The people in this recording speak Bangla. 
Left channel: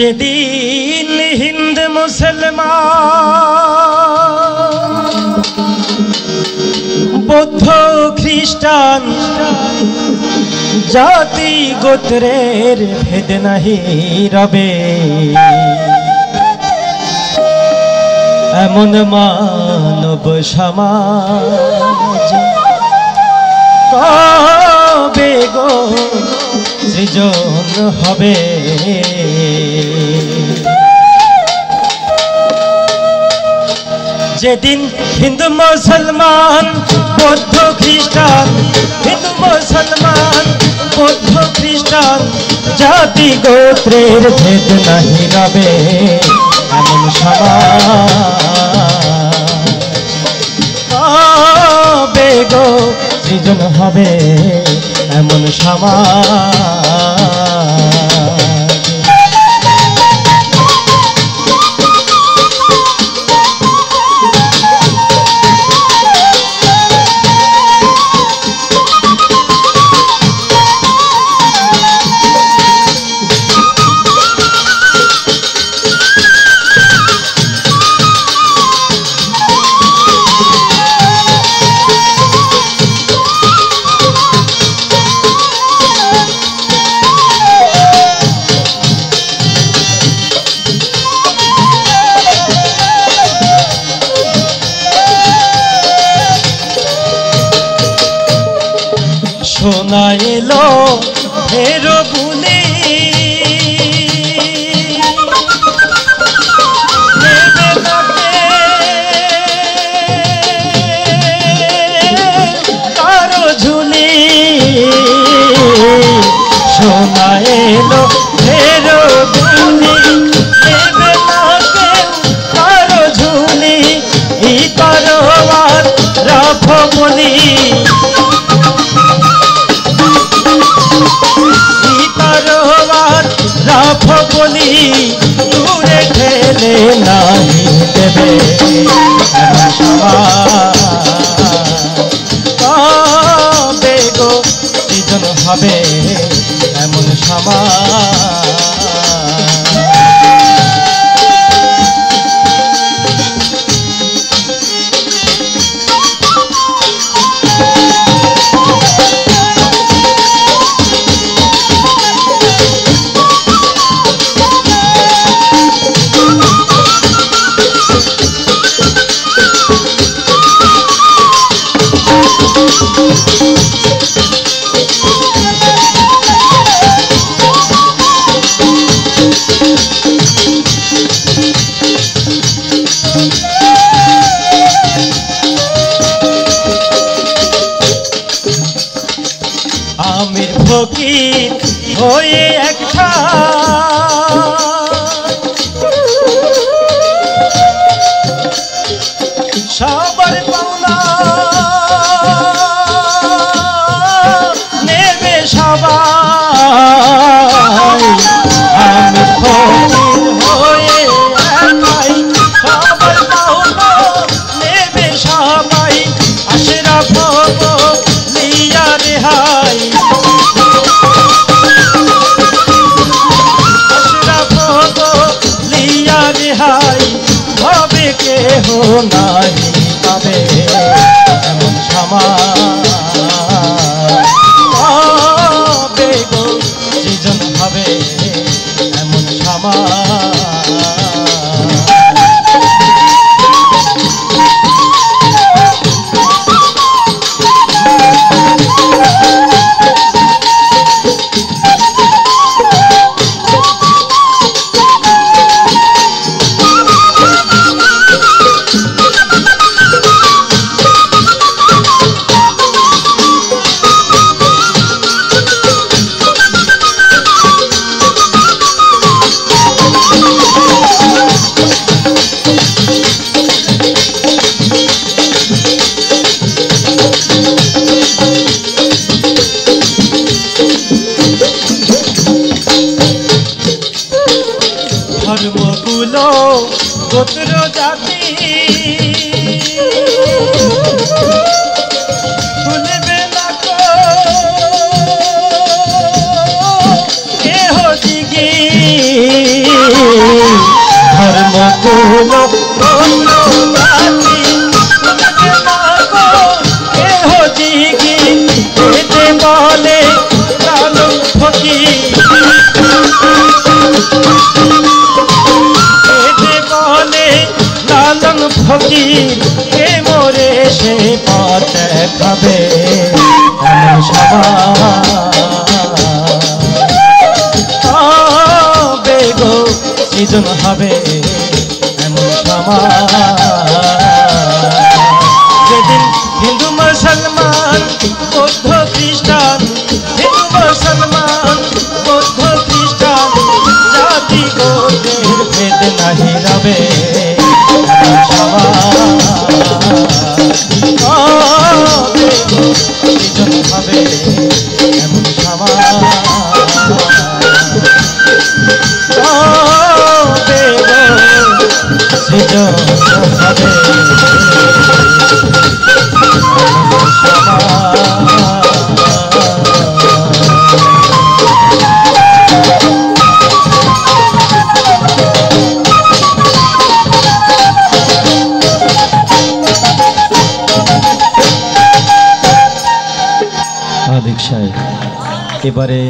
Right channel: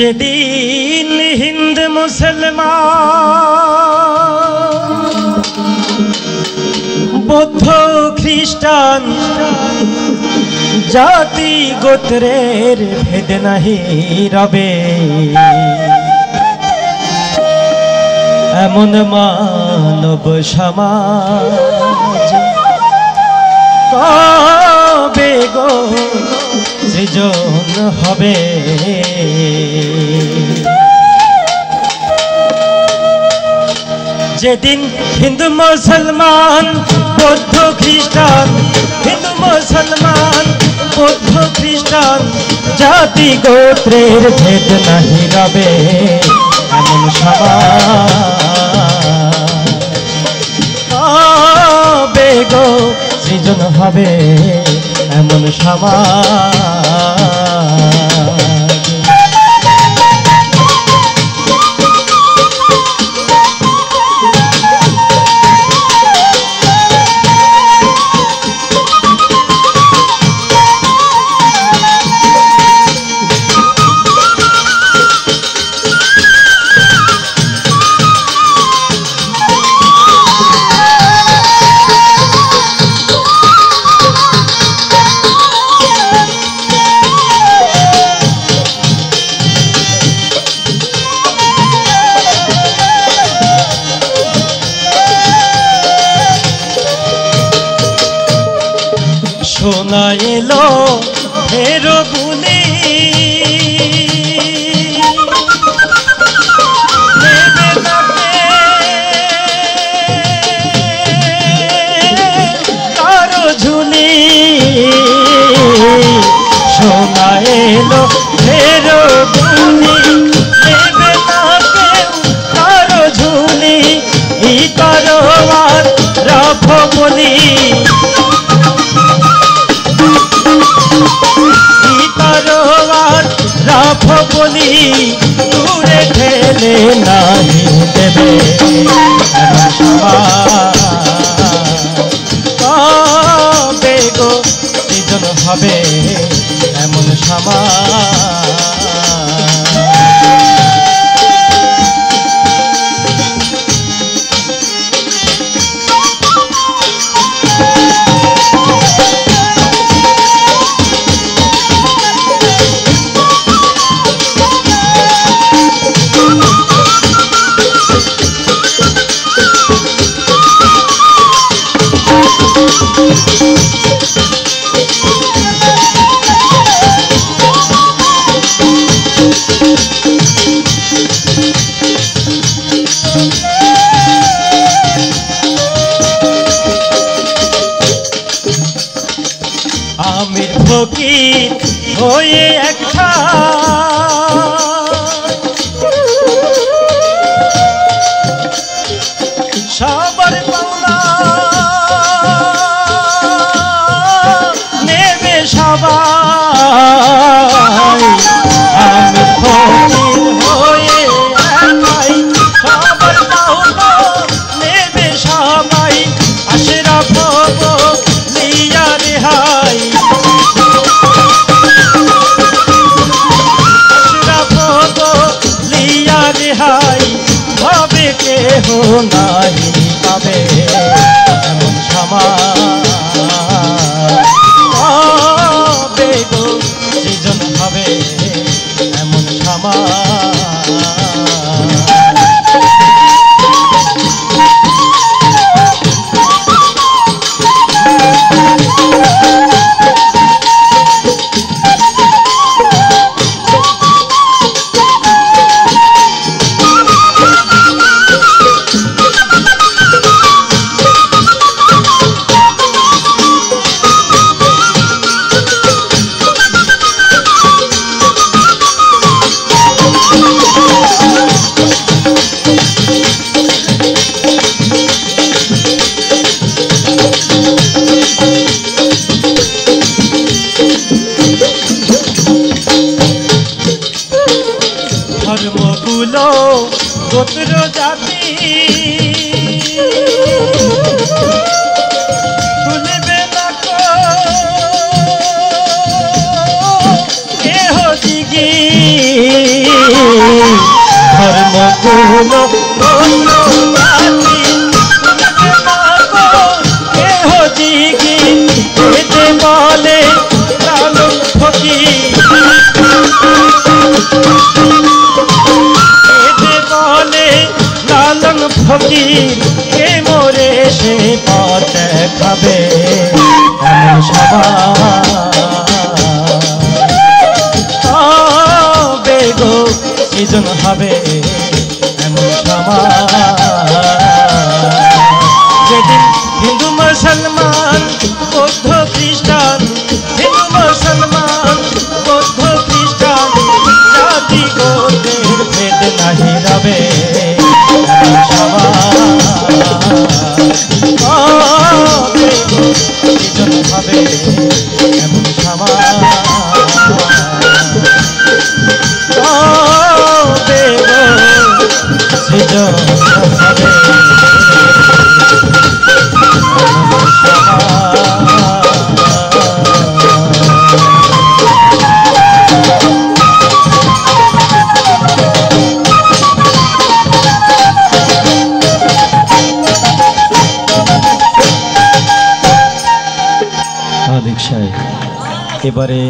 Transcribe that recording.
যেদিন হিন্দ মুসলমান বৌদ্ধ খ্রিস্টান জাতি গোত্রের ভেদ নাহি রবে, এমন মানব সমাজ কবে গো সৃজন হবে। যেদিন হিন্দু মুসলমান বৌদ্ধ খ্রিস্টান, হিন্দু মুসলমান বৌদ্ধ খ্রিস্টান জাতি গোত্রের ভেদ নাহি রবে, এমন সমাজ কবে গো সৃজন হবে, এমন সমাজ। শোনা এলো ফের বুলি, কারো ঝুলি। শোনা এলো ফের বুলি, দেবে না কেউ কারো ঝুলি, এই তরোয়ার রাখো বলি, রাখো বলি, দূরে ঠেলে নাহি দেবে, এমন সমাজ কবে গো সৃজন হবে, এমন সমাজ। আমির ফকির হয়ে একটা সবার পাওনা নেবে সবাই, আমির ফকির হয়ে একাই সবার পাওনা নেবে সবাই, আশরাফ লিয়া রেহাই, লিয়া রেহাই হবে কেহ নাহি পাবে, এমন সমাজ কবে গো সৃজন হবে, এমন সমাজ। ধর্মগুলো গোত্র জাতি ভুলবে না কো কেহ দিগি মধুলো কেহ জিগি এতে বলে লালন ফকির এতে বলে লালন ফকির কে মোরে সে পথ দেখাবে এমন সবাই গো সৃজন হবে এমন সমাজ যেদিন হিন্দু মুসলমান বৌদ্ধ খ্রিস্টান হিন্দু মুসলমান বৌদ্ধ খ্রিস্টান জাতি গোত্রের ভেদ নাহি রবে এমন সমাজ সৃজন হবে এমন সমাজ এবারে